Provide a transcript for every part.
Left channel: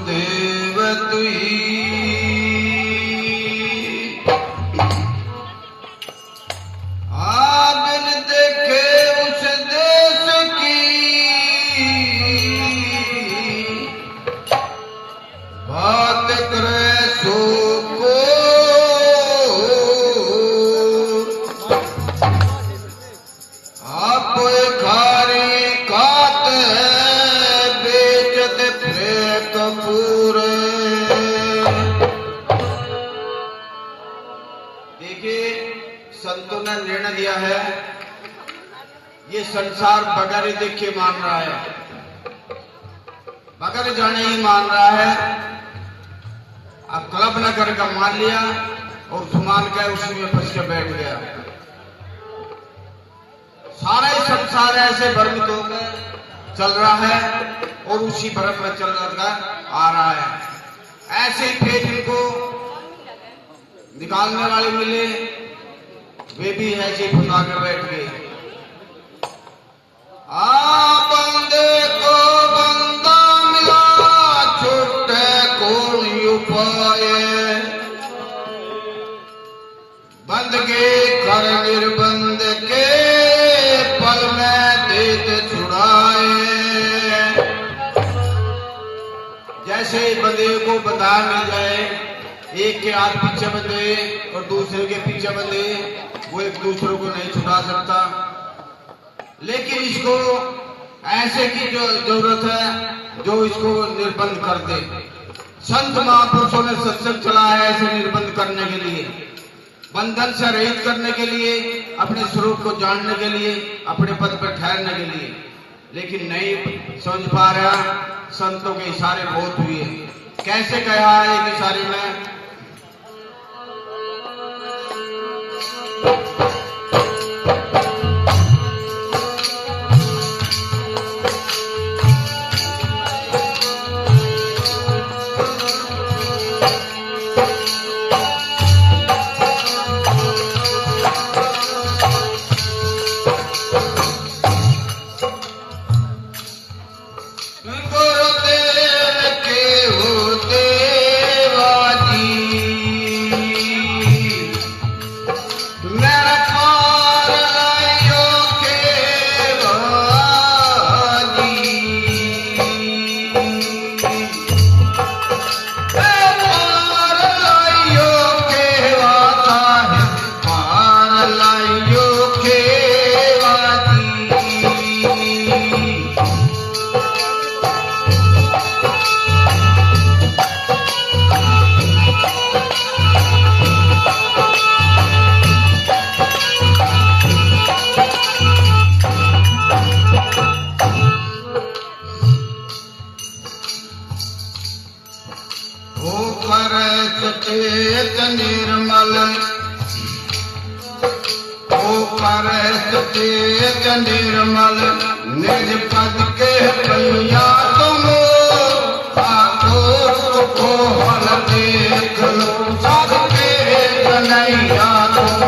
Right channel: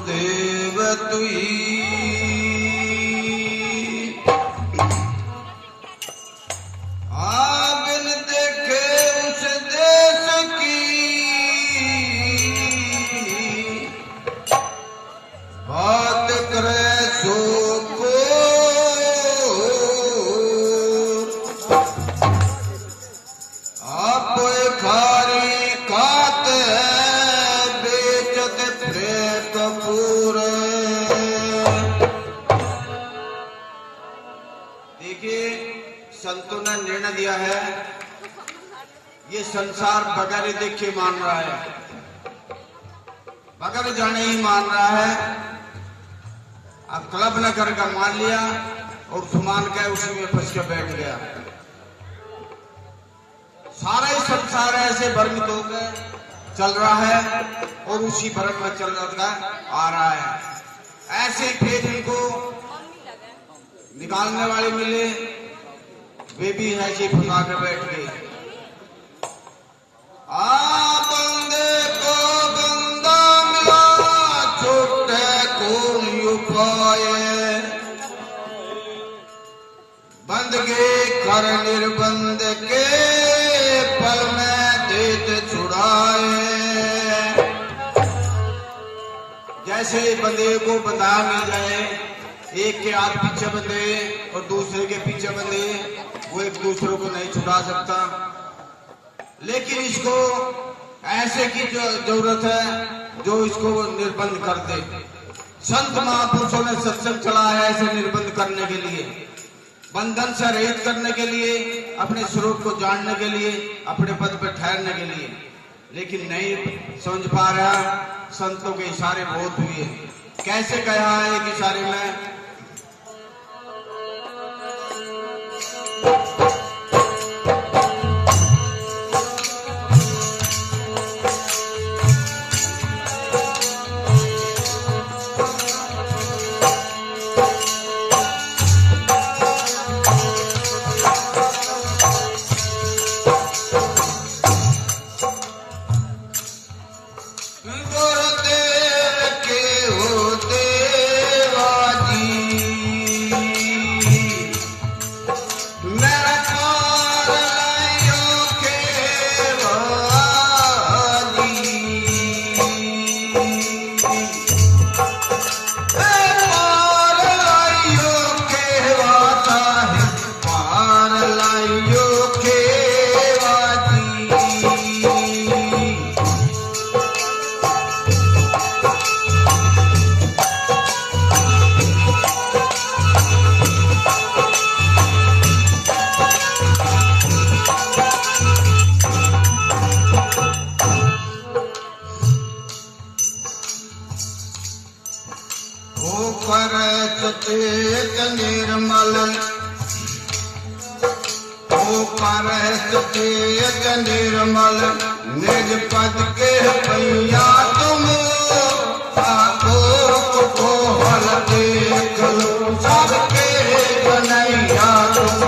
वासुदेव तुई आगन देखे उस देश की बात करे सो को आप खारी कात बेचत प्रे कपूर। देखिए संतों ने निर्णय लिया है, ये संसार बगैर देखे मान रहा है, बगैर जाने ही मान रहा है। अब क्लब नगर का मान लिया और सुमान का उसी में फंस के बैठ गया। सारा ही संसार ऐसे भ्रमित होकर चल रहा है और उसी भ्रम में चल रहा आ रहा है। ऐसे ही फिर इनको निकालने वाले मिले, वे भी ऐसे ही फंसा के बैठ गए। बंदे को बंदा मिला, छूटे कौन उपाय, बंद के कर निर्बंध के पल में देते छुड़ाए। जैसे बंदे को बंधा मिल जाए, एक के हाथ पीछे बंधे और दूसरे के पीछे बंधे, वो एक दूसरे को नहीं छुड़ा सकता। लेकिन इसको ऐसे की जो जरूरत है जो इसको निर्बंध कर दे। संत महापुरुषों ने सत्संग चला है ऐसे निर्बंध करने के लिए, बंधन से रहित करने के लिए, अपने स्वरूप को जानने के लिए, अपने पद पर ठहरने के लिए। लेकिन नहीं समझ पा रहा। संतों के इशारे बहुत हुए। कैसे कहा है एक इशारे में, सचेत निर्मल, ओ पर सचेत निर्मल, निज पद के पैया तुम ठाकुर को हल देख लो, सबके कन्हैया तुम।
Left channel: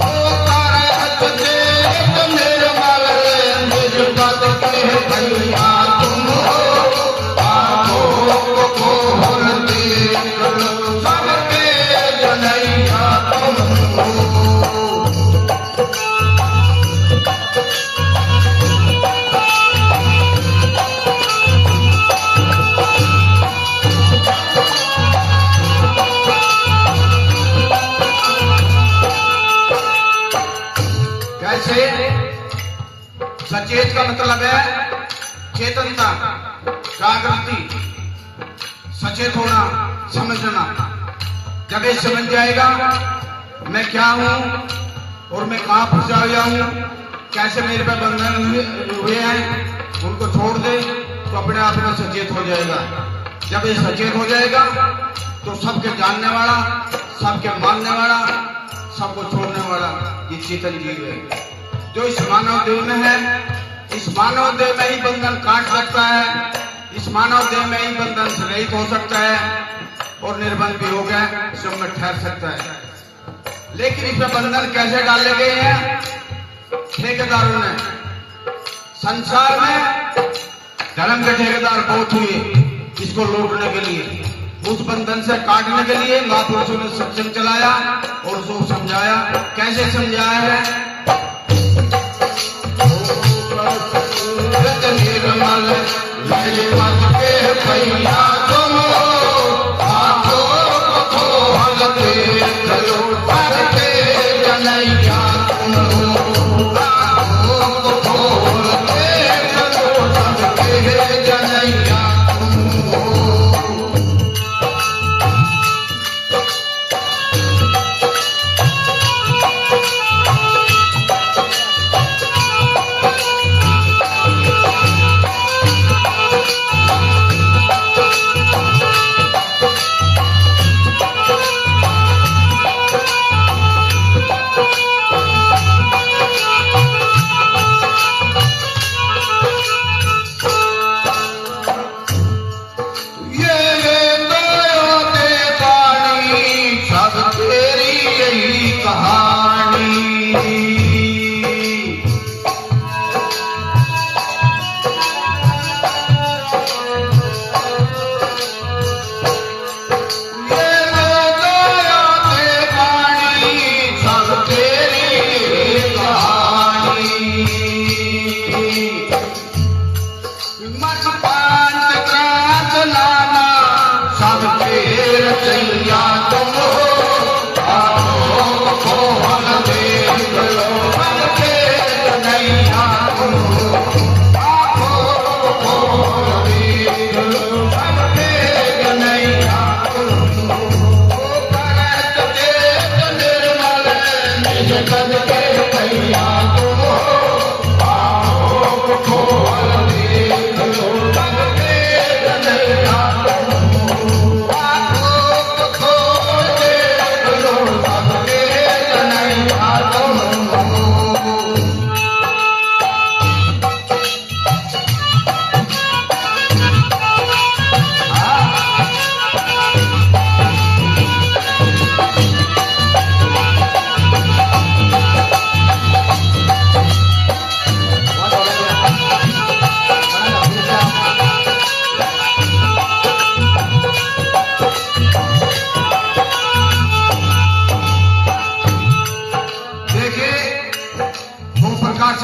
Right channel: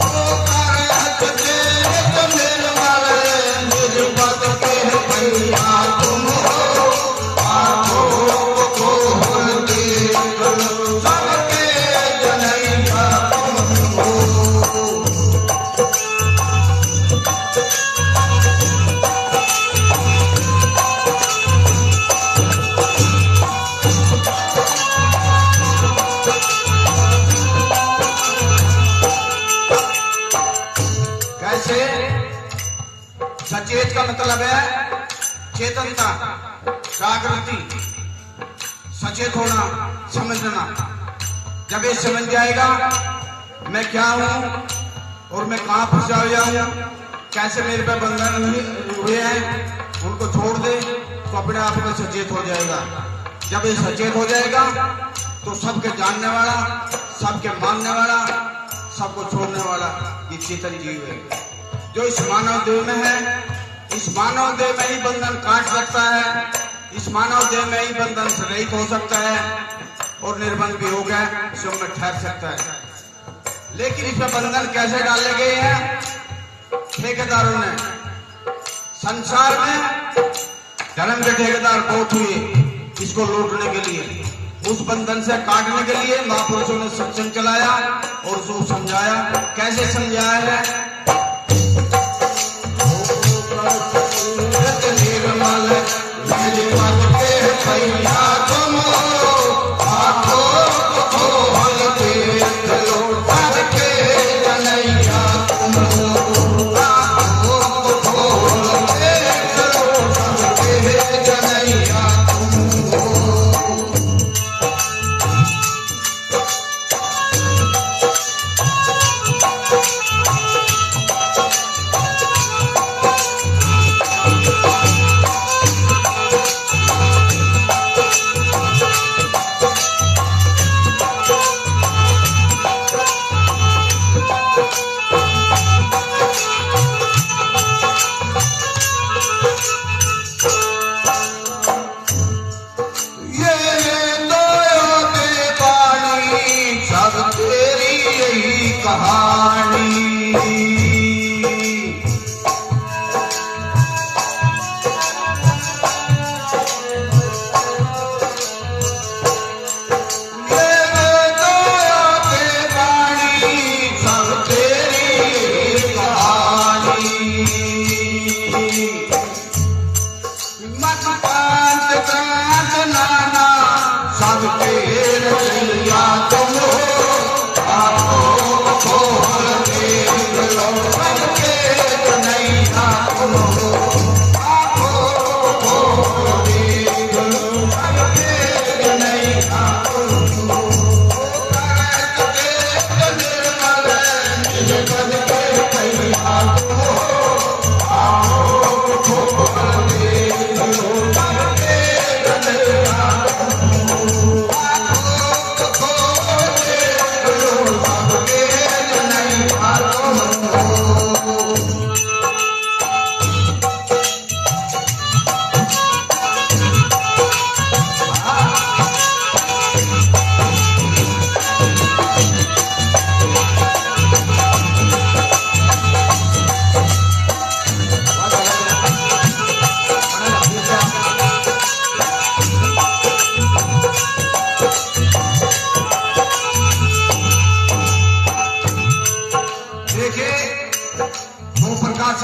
ओ पर सचेत निर्मल, निज पद के पैया तुम सचेत का मतलब है चेतनता, जागृति, सचेत होना, समझना। जब ये समझ जाएगा मैं क्या हूं और मैं कहां फंसा हुआ हूं, कैसे मेरे पे बंधन हुए हैं, उनको छोड़ दे तो अपने आप में सचेत हो जाएगा। जब ये सचेत हो जाएगा तो सबके जानने वाला, सबके मानने वाला, सबको छोड़ने वाला ये चेतन जीव है जो इस मानव देह में है। इस मानव देह में ही बंधन काट सकता है, इस मानव देह में ही बंधन से रहित हो सकता है और निर्बंध भी हो गया, सब में ठहर सकता है। लेकिन इसमें बंधन कैसे डाले गए हैं ठेकेदारों ने। संसार में धर्म के ठेकेदार बहुत हुए इसको लौटने के लिए। उस बंधन से काटने के लिए महापुरुषों ने सत्संग चलाया और उसको समझाया। कैसे समझाया है? निर्मल निर्मल के भैया तुम आंखों को खोल के चलो के जनैया तुम आंखों को खोल के चलो के जनैया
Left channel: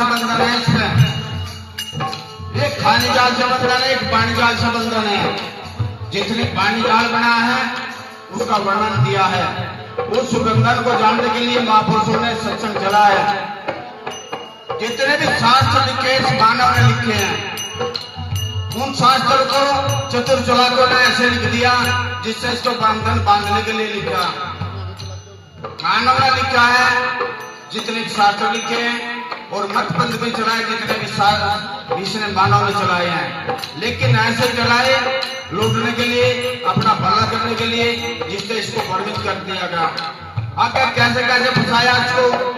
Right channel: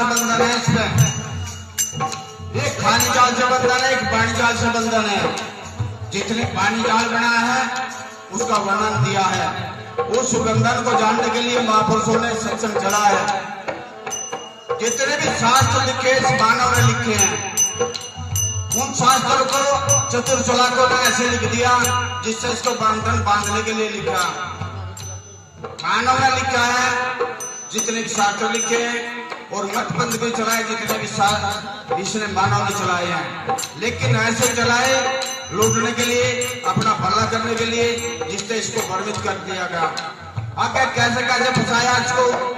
बंधन है इसमें। एक खाने जाल से बंधन है, एक पानी जाल से बंधन है। जितने पानी जाल बना है उसका वर्णन दिया है। उस बंधन को जानने के लिए महापुरुषों ने सत्संग चलाया। जितने भी शास्त्र लिखे मानव ने लिखे हैं, उन शास्त्रों को चतुर चालाकों ने ऐसे लिख दिया जिससे इसको बंधन बांधने के लिए लिखा। मानव ने लिखा है जितने भी शास्त्र लिखे हैं, और मत पंथ भी चलाए जितने भी शास्त्र इसने मानव ने चलाए हैं, लेकिन ऐसे चलाए लूटने के लिए, अपना भला करने के लिए, जिससे इसको भ्रमित कर दिया गया। आगे कैसे कैसे फंसाया इसको।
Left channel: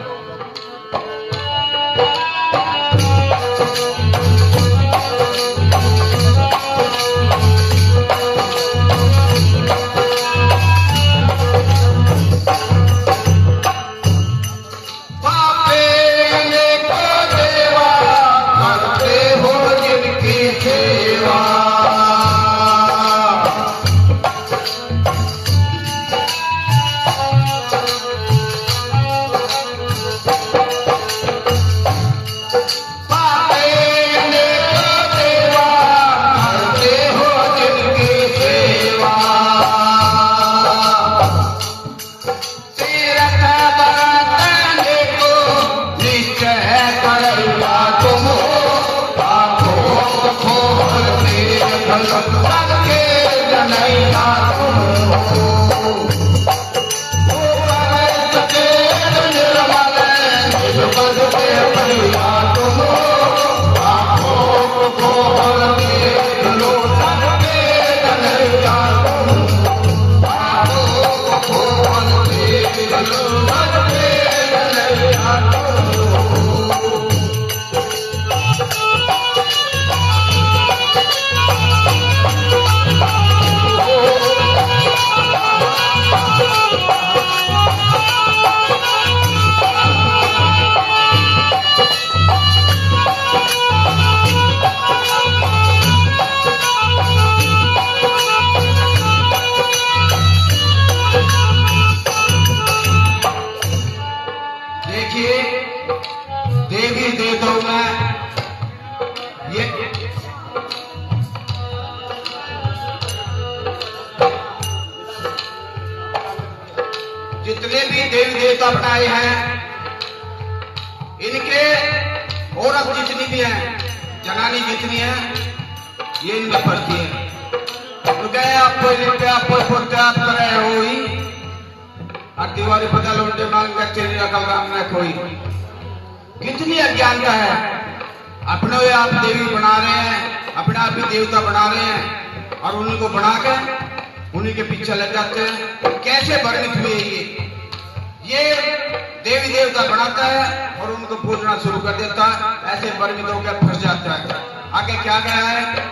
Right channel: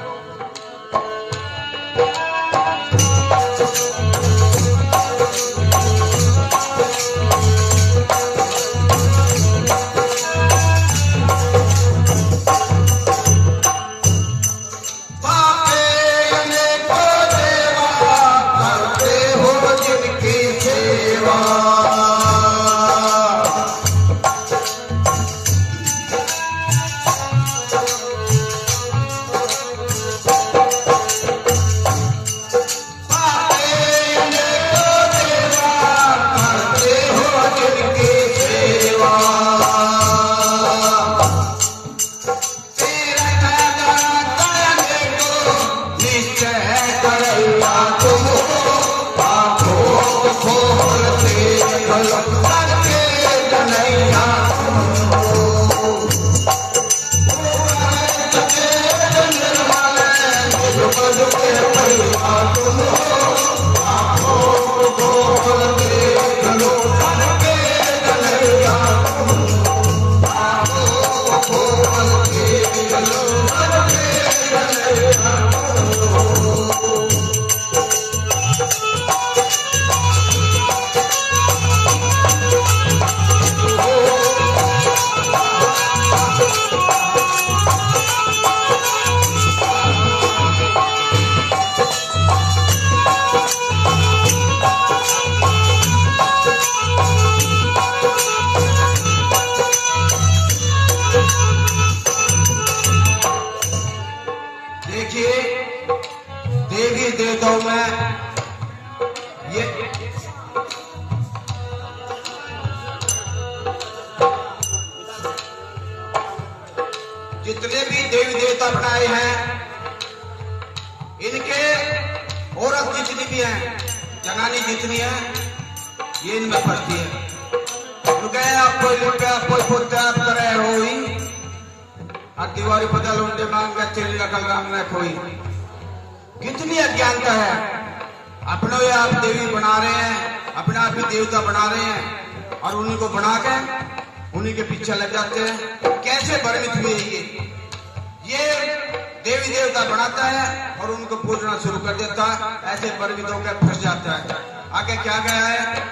देवी देवता बनाए हैं, इनके औरत जितनी भी है, जनानी जितनी है, ये इनमें फंसती है। तो गए आपको लिखते आपको बोलते आप तरह हो ही और दीवारी बदल उल्टे मांग चेरी रखल काम न कोई। कितनी अज्ञानता है। अपने आप देवी बना रहे हैं, अपने आप ही देवता बना रहे हैं और उन्हीं को बना के उन्हीं के पीछे लग जाते हैं। कैसे वर्णित हुए ये देवी देवता बनाता है और उनको पूजना शुरू कर देता है, ऐसे वर्णित होकर फंस जाता है। आगे क्या गया है?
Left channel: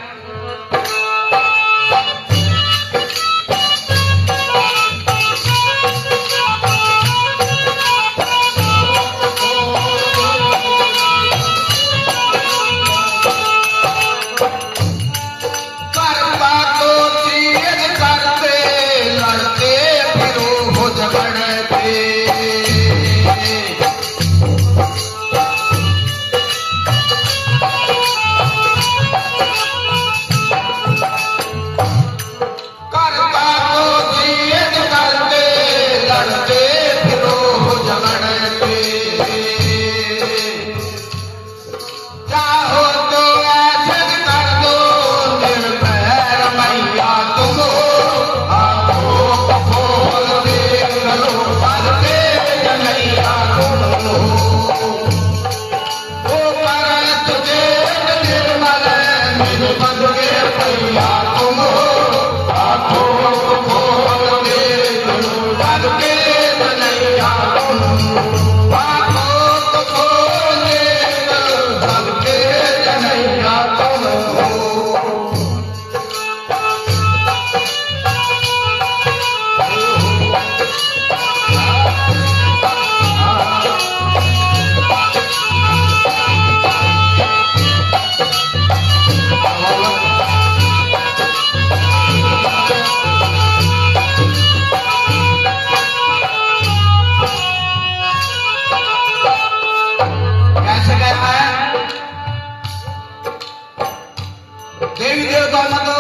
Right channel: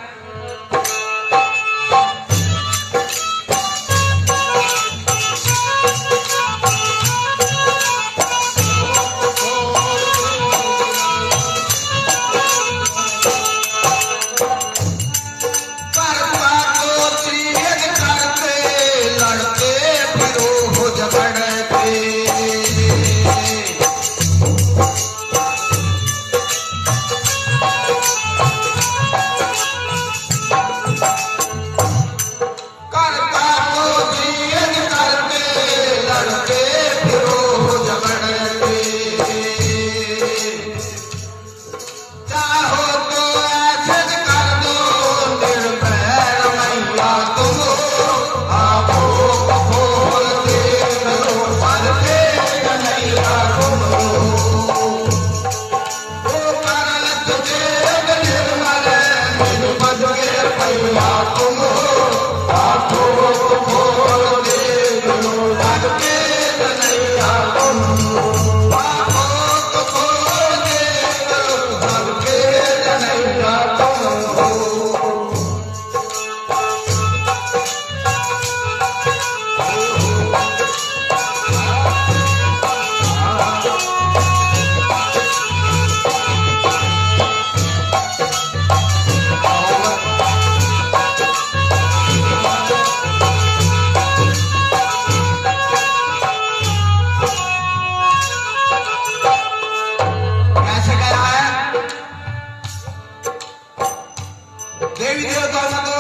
देवी देवताओं में तो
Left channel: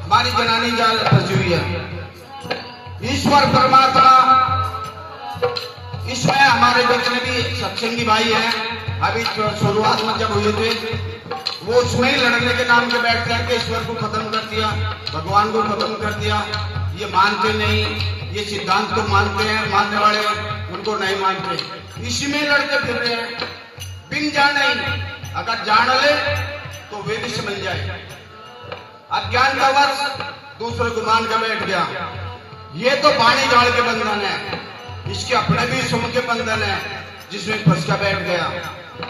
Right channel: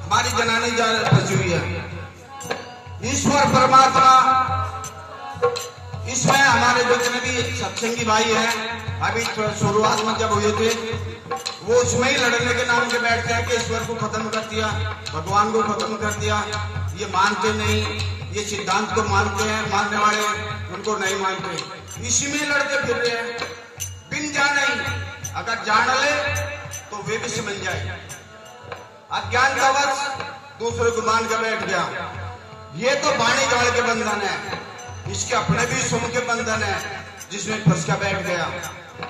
हमारी जनानी जाल फंसी हुई है। ईश्वर परमात्मा इसमें हमारे जितने भी सत्संगी भाई हैं, अभी शुरुआत में जब हुए थे वो उसमें ही लड़ने के नाम से बैठते हैं कि ईश्वर को खत्म कर दिया, भगवान को खत्म कर दिया। ये मानते नहीं, ये सिद्धांत को मानते हैं, मानने वाले उनको नहीं मानते, इसी में लड़ते फिर रहे हैं बिन जाने। अगर जान ले तो वे भी समझ जाए। अज्ञानतावश दूसरे को मान के बैठ गया। ये तो बाणी गाड़ के बंधन है, इसके अपने भी सुन के बंधन है जिसमें फंस का बैठ गया।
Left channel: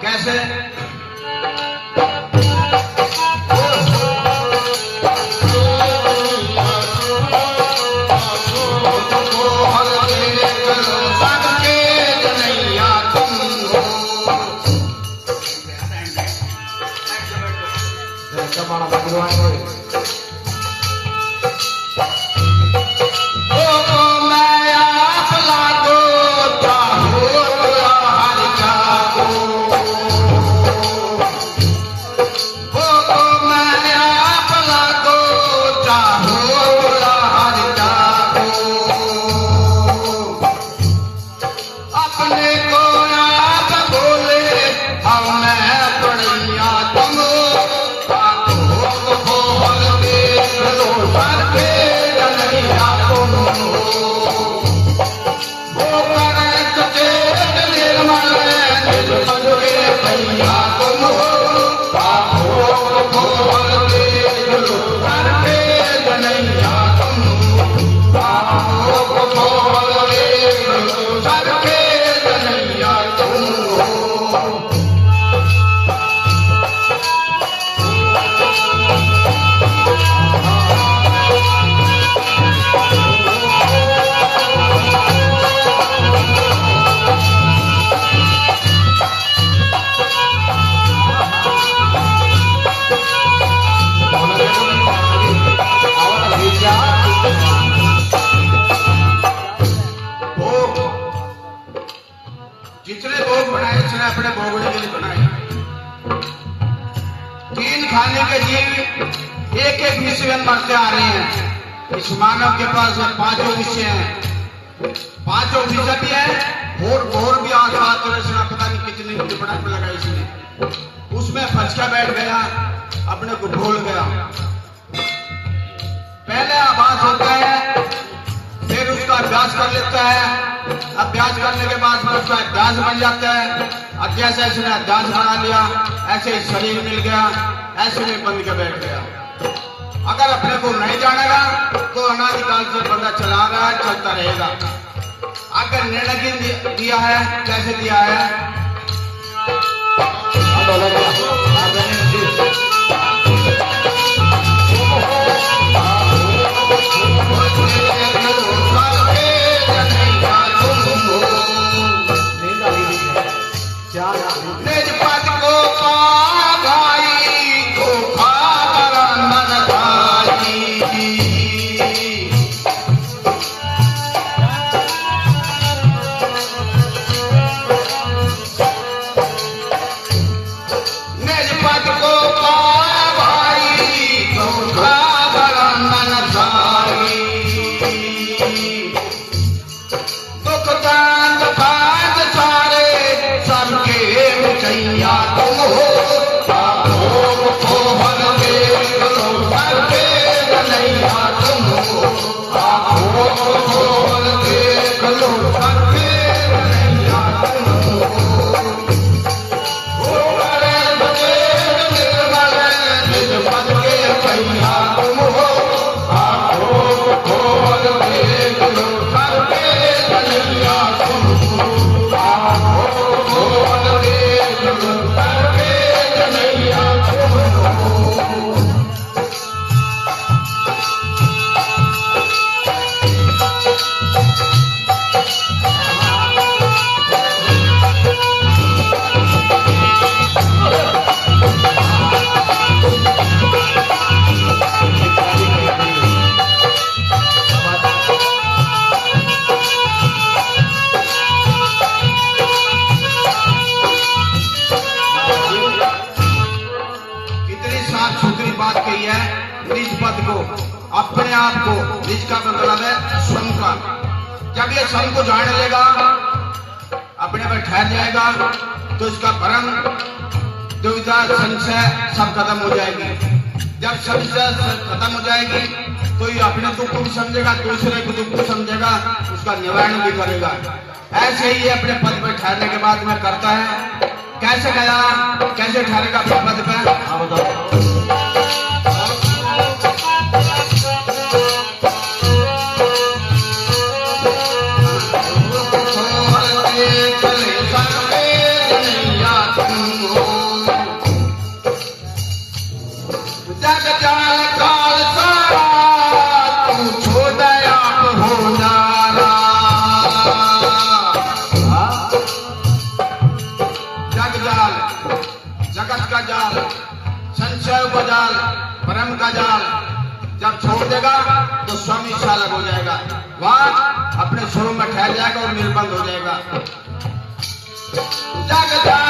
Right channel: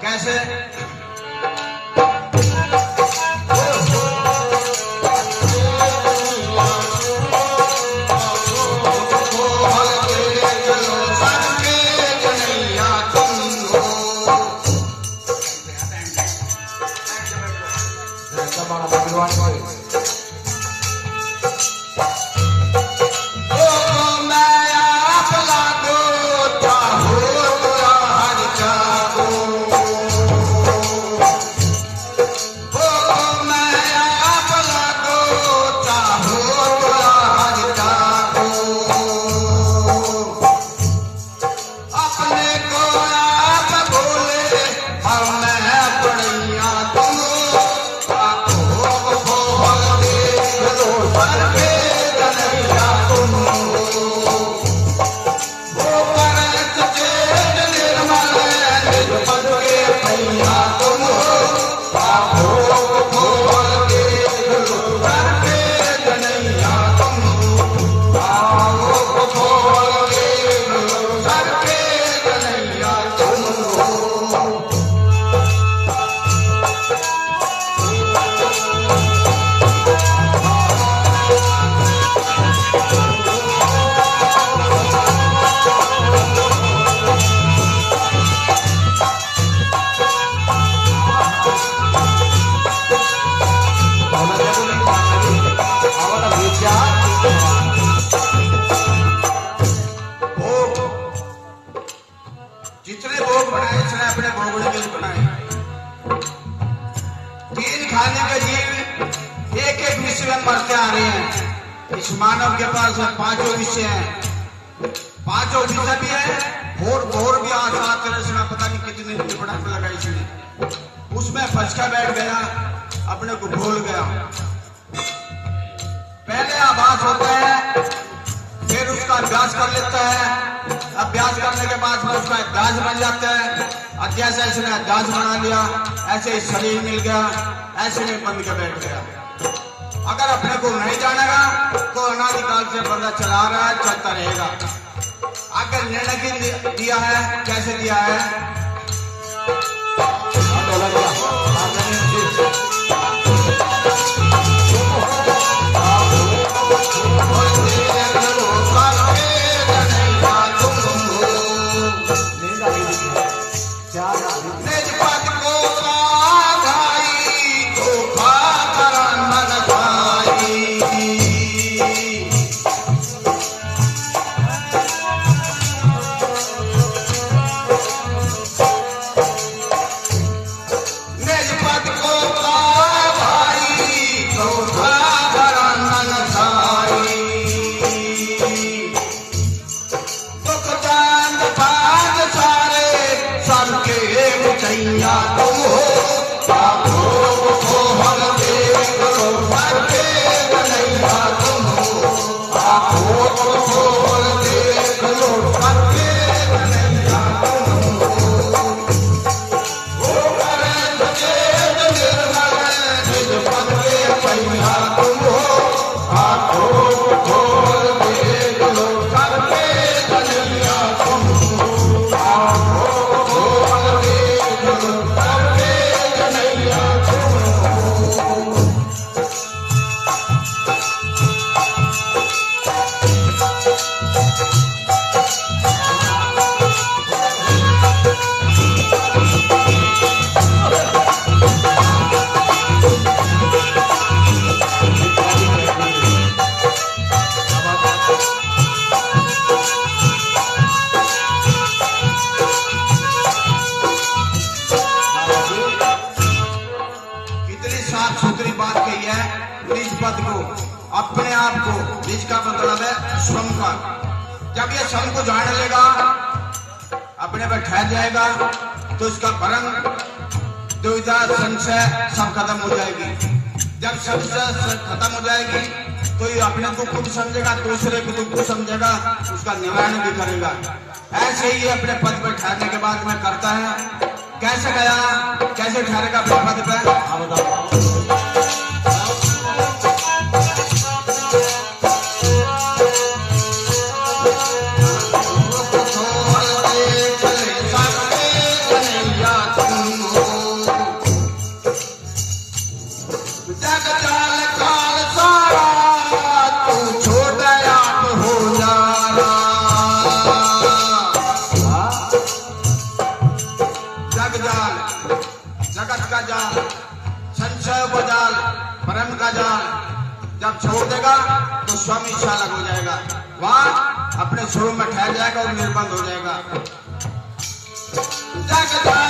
कैसे? जितने भोग बनाए इसने अपने भोगने के लिए बनाए। 3 खाने के जीव एक एक विषय में मरते आ रहे हैं। इस मानव के पास 5 विषय हैं, पांचों फीसद भी है और भी आघात रचना पता नहीं कितनी पटाख लगाई इसने, उसमें फंस के बैठ गया, अपने को भूल गया। पहले आभास होता है, फिर उसका अभ्यास कर लेता है, अभ्यास करने के बाद में उसका अभ्यास बन जाता है। और जैसे इसने अभ्यास बना लिया, ऐसे ही शरीर मिल गया, ऐसे में बन के बैठ गया। अगर अपने को नहीं जानेगा तो अनादिकाल से बंदा चला रहा है, चलता रहेगा। अगर निर्णय दिया है, कैसे दिया है? अपने आप को, इसका मतलब है श्रम का। जब ये श्रम को जान लेगा, अपने पर ठहर जाएगा, तो इसका भ्रम, दुविधा, संशय सब खत्म हो जाएगी। जब संशय खत्म हो जाएगी तो ये अपने दुख को भी समझेगा, दूसरे को दुख को समझेगा, उसका निवारण भी करेगा। ऐसे ही अपने पद पर ठहरने के बाद में करता है। कैसे गया, कैसे ठहरेगा अपने पद पर? हाँ बताओ। जगत का जाल, संशय का जाल, परम का जाल जब छोड़ देगा तो स्वामी चालक हो जाएगा। वहां अपने स्वरूप में ठहर जाएगा और निर्बंध हो जाएगा। जग जाल